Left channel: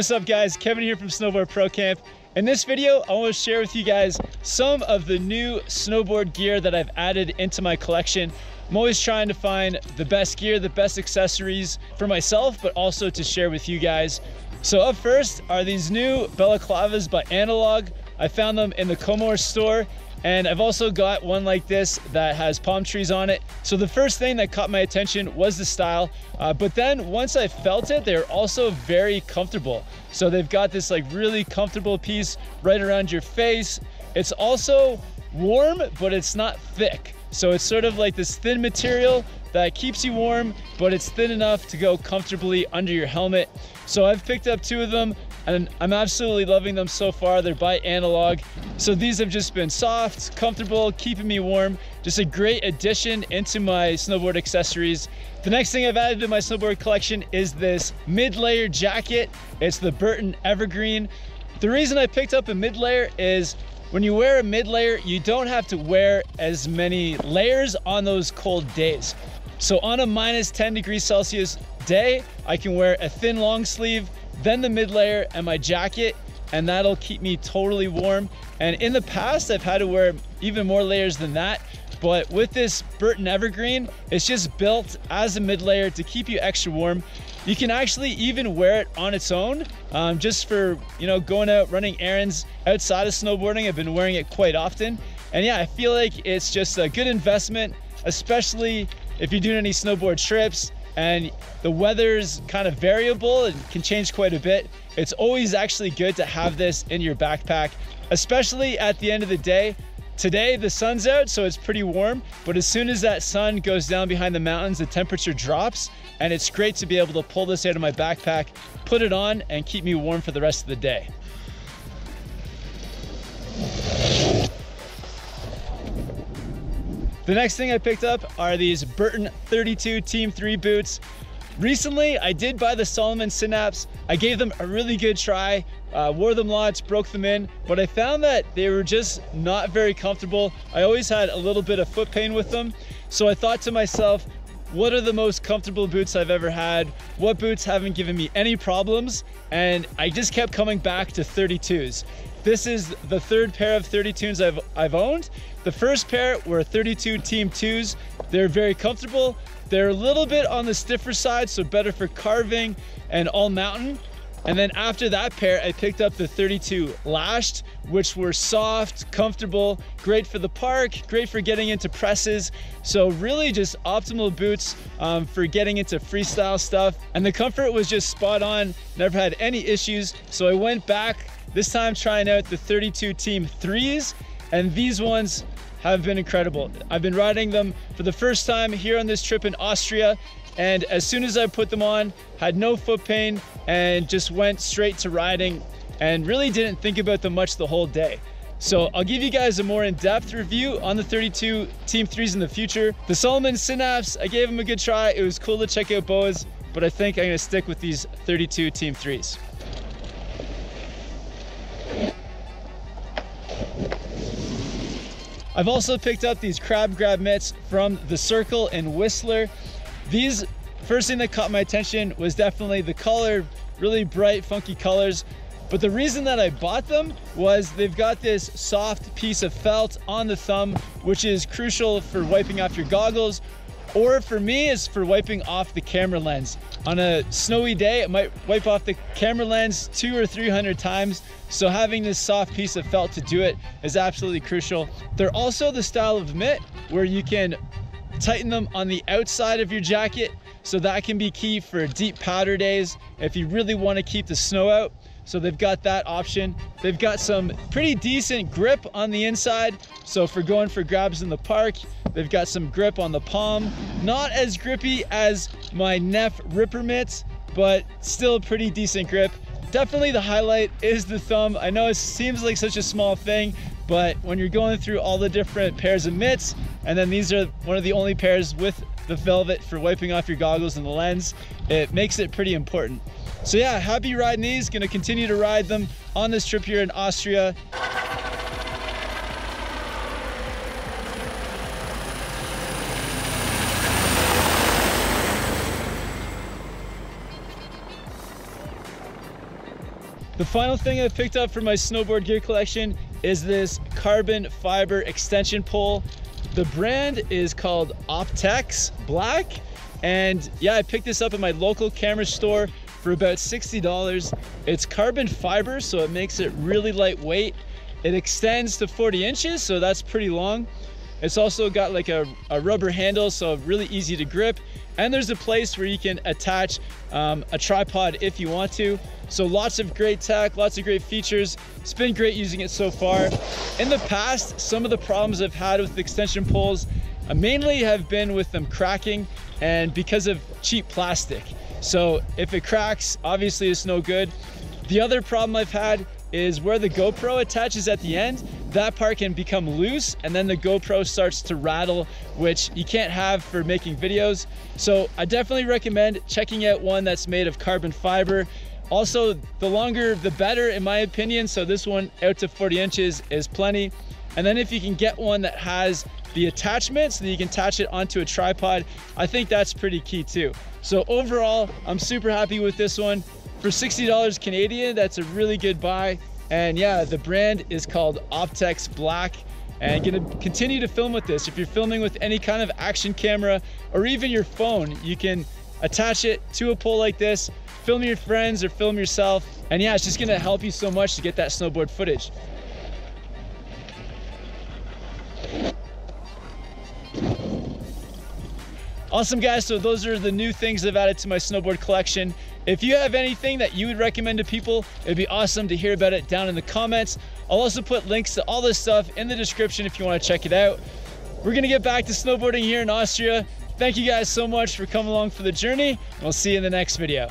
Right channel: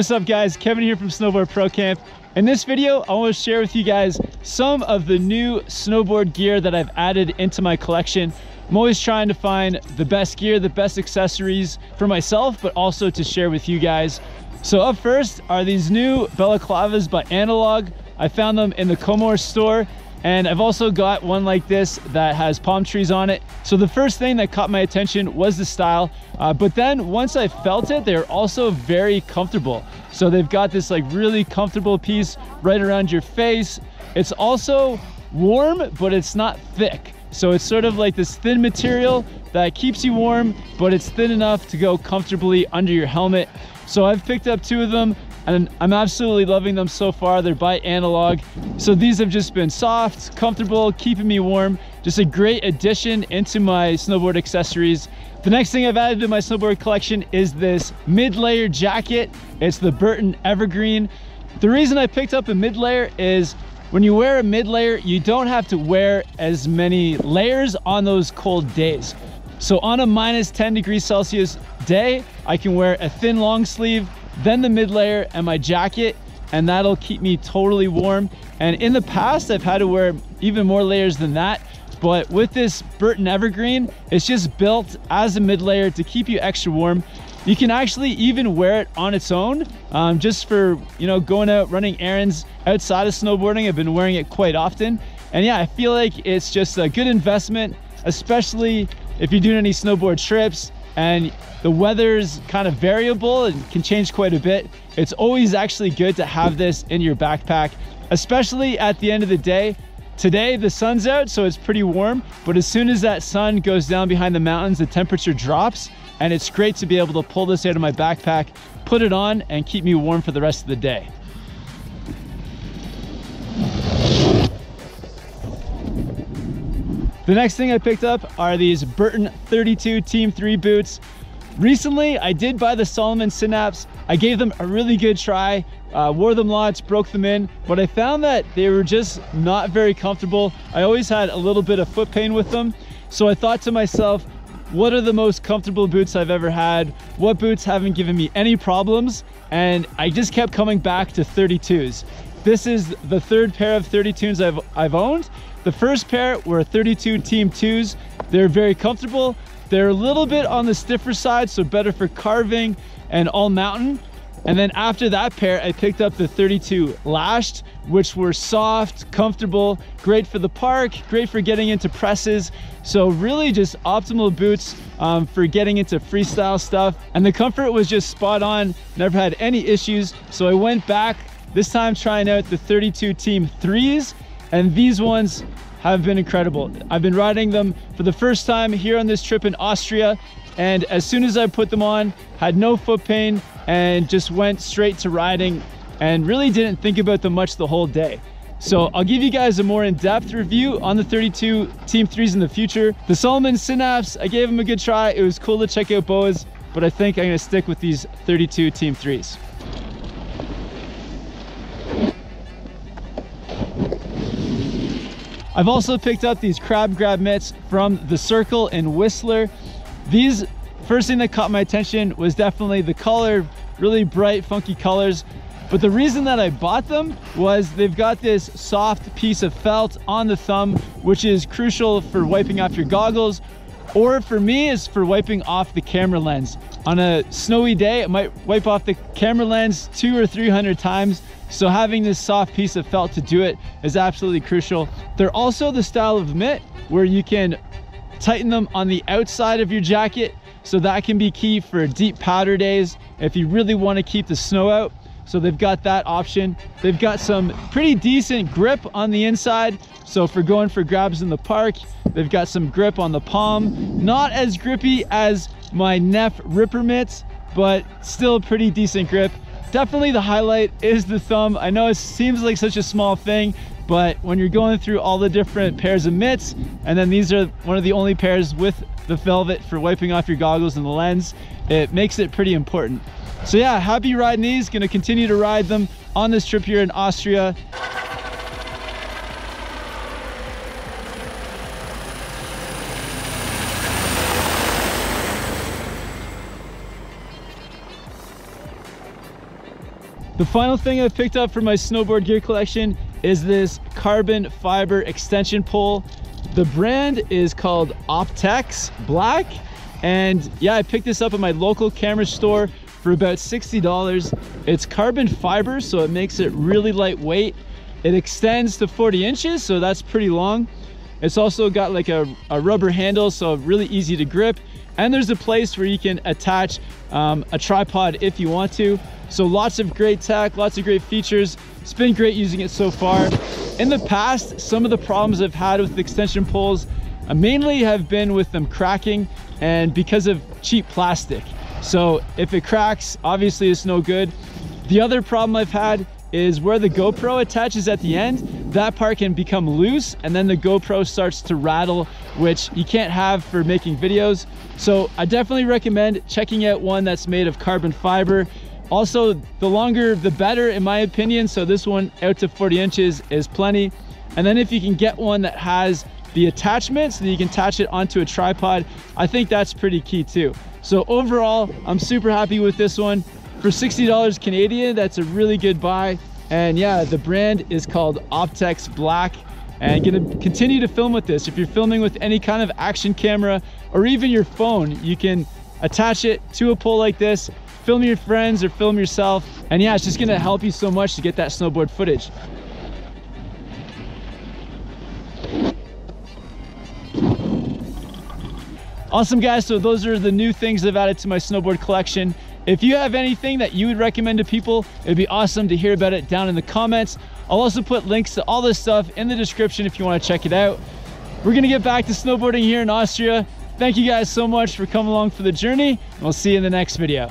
what's up guys? Kevin here from Snowboard Pro Camp. In this video, I want to share with you guys some of the new snowboard gear that I've added into my collection. I'm always trying to find the best gear, the best accessories for myself, but also to share with you guys. So up first are these new balaclavas by Analog. I found them in the Comor store, and I've also got one like this that has palm trees on it. So the first thing that caught my attention was the style, but then once I felt it, they're also very comfortable. So they've got this like really comfortable piece right around your face. It's also warm, but it's not thick. So it's sort of like this thin material that keeps you warm, but it's thin enough to go comfortably under your helmet. So I've picked up two of them and I'm absolutely loving them so far. They're by Analog. So these have just been soft, comfortable, keeping me warm. Just a great addition into my snowboard accessories. The next thing I've added to my snowboard collection is this mid-layer jacket. It's the Burton Evergreen. The reason I picked up a mid-layer is when you wear a mid-layer, you don't have to wear as many layers on those cold days. So on a minus 10 degrees Celsius day, I can wear a thin long sleeve, then the mid-layer and my jacket, and that'll keep me totally warm. And in the past, I've had to wear even more layers than that. But with this Burton Evergreen, it's just built as a mid-layer to keep you extra warm. You can actually even wear it on its own, just for, you know, going out running errands outside of snowboarding. I've been wearing it quite often. And yeah, I feel like it's just a good investment, especially if you're doing any snowboard trips and the weather's kind of variable and can change quite a bit. It's always actually good to have this in your backpack, especially at the end of the day. Today the sun's out, so it's pretty warm, but as soon as that sun goes down behind the mountains, the temperature drops, and it's great to be able to pull this out of my backpack, put it on, and keep me warm for the rest of the day. The next thing I picked up are these Burton 32 Team 3 boots. Recently, I did buy the Salomon Synapse. I gave them a really good try, wore them lots, broke them in, but I found that they were just not very comfortable. I always had a little bit of foot pain with them. So I thought to myself, what are the most comfortable boots I've ever had? What boots haven't given me any problems? And I just kept coming back to 32s. This is the third pair of 32s I've owned. The first pair were 32 Team 2s. They're very comfortable. They're a little bit on the stiffer side, so better for carving and all mountain. And then after that pair, I picked up the 32 lashed, which were soft, comfortable, great for the park, great for getting into presses. So really just optimal boots for getting into freestyle stuff. And the comfort was just spot on, never had any issues. So I went back, this time trying out the 32 Team 3s, and these ones have been incredible. I've been riding them for the first time here on this trip in Austria, and as soon as I put them on, had no foot pain and just went straight to riding and really didn't think about them much the whole day. So I'll give you guys a more in-depth review on the 32 Team 3s in the future. The Salomon Synapse, I gave them a good try. It was cool to check out boas, but I think I'm gonna stick with these 32 Team 3s. I've also picked up these crab grab mitts from the Circle in Whistler. These, first thing that caught my attention was definitely the color, really bright, funky colors. But the reason that I bought them was they've got this soft piece of felt on the thumb, which is crucial for wiping off your goggles, or for me is for wiping off the camera lens. On a snowy day, it might wipe off the camera lens 200 or 300 times. So having this soft piece of felt to do it is absolutely crucial. They're also the style of mitt where you can tighten them on the outside of your jacket. So that can be key for deep powder days if you really want to keep the snow out. So they've got that option. They've got some pretty decent grip on the inside. So for going for grabs in the park, they've got some grip on the palm. Not as grippy as my Neff Ripper mitts, but still pretty decent grip. Definitely the highlight is the thumb. I know it seems like such a small thing, but when you're going through all the different pairs of mitts, and then these are one of the only pairs with the velvet for wiping off your goggles and the lens, it makes it pretty important. So yeah, happy riding these, gonna continue to ride them on this trip here in Austria. The final thing I picked up for my snowboard gear collection is this carbon fiber extension pole. The brand is called Optex Black. And yeah, I picked this up at my local camera store for about $60. It's carbon fiber, so it makes it really lightweight. It extends to 40 inches, so that's pretty long. It's also got like a rubber handle, so really easy to grip. And there's a place where you can attach a tripod if you want to. So lots of great tech, lots of great features. It's been great using it so far. In the past, some of the problems I've had with extension poles mainly have been with them cracking and because of cheap plastic. So if it cracks, obviously it's no good. The other problem I've had is where the GoPro attaches at the end, that part can become loose and then the GoPro starts to rattle, which you can't have for making videos. So I definitely recommend checking out one that's made of carbon fiber. Also, the longer the better in my opinion, so this one out to 40 inches is plenty. And then if you can get one that has the attachment so that you can attach it onto a tripod, I think that's pretty key too. So overall, I'm super happy with this one. For $60 Canadian, that's a really good buy. And yeah, the brand is called Optex Black. And gonna continue to film with this. If you're filming with any kind of action camera or even your phone, you can attach it to a pole like this, film your friends or film yourself. And yeah, it's just gonna help you so much to get that snowboard footage. Awesome guys, so those are the new things I've added to my snowboard collection. If you have anything that you would recommend to people, it'd be awesome to hear about it down in the comments. I'll also put links to all this stuff in the description if you want to check it out. We're gonna get back to snowboarding here in Austria. Thank you guys so much for coming along for the journey, and we'll see you in the next video.